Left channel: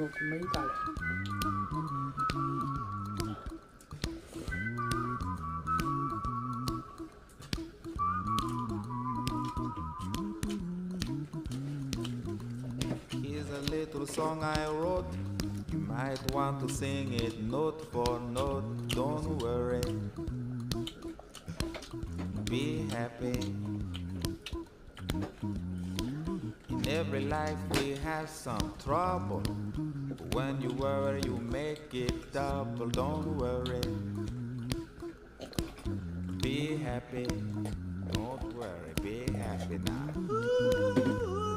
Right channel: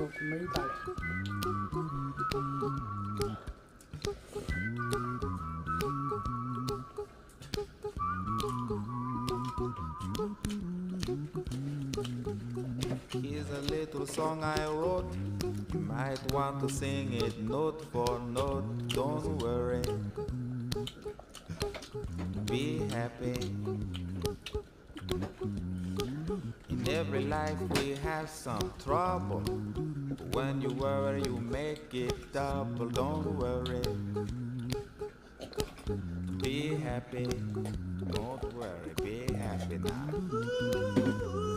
mấy ta lẹ. Here's a little song I wrote. You might want to sing it note for note. Don't worry, be happy. In every life we have some trouble. But when you worry, you make it double. Don't worry, be happy. Don't worry, be happy now.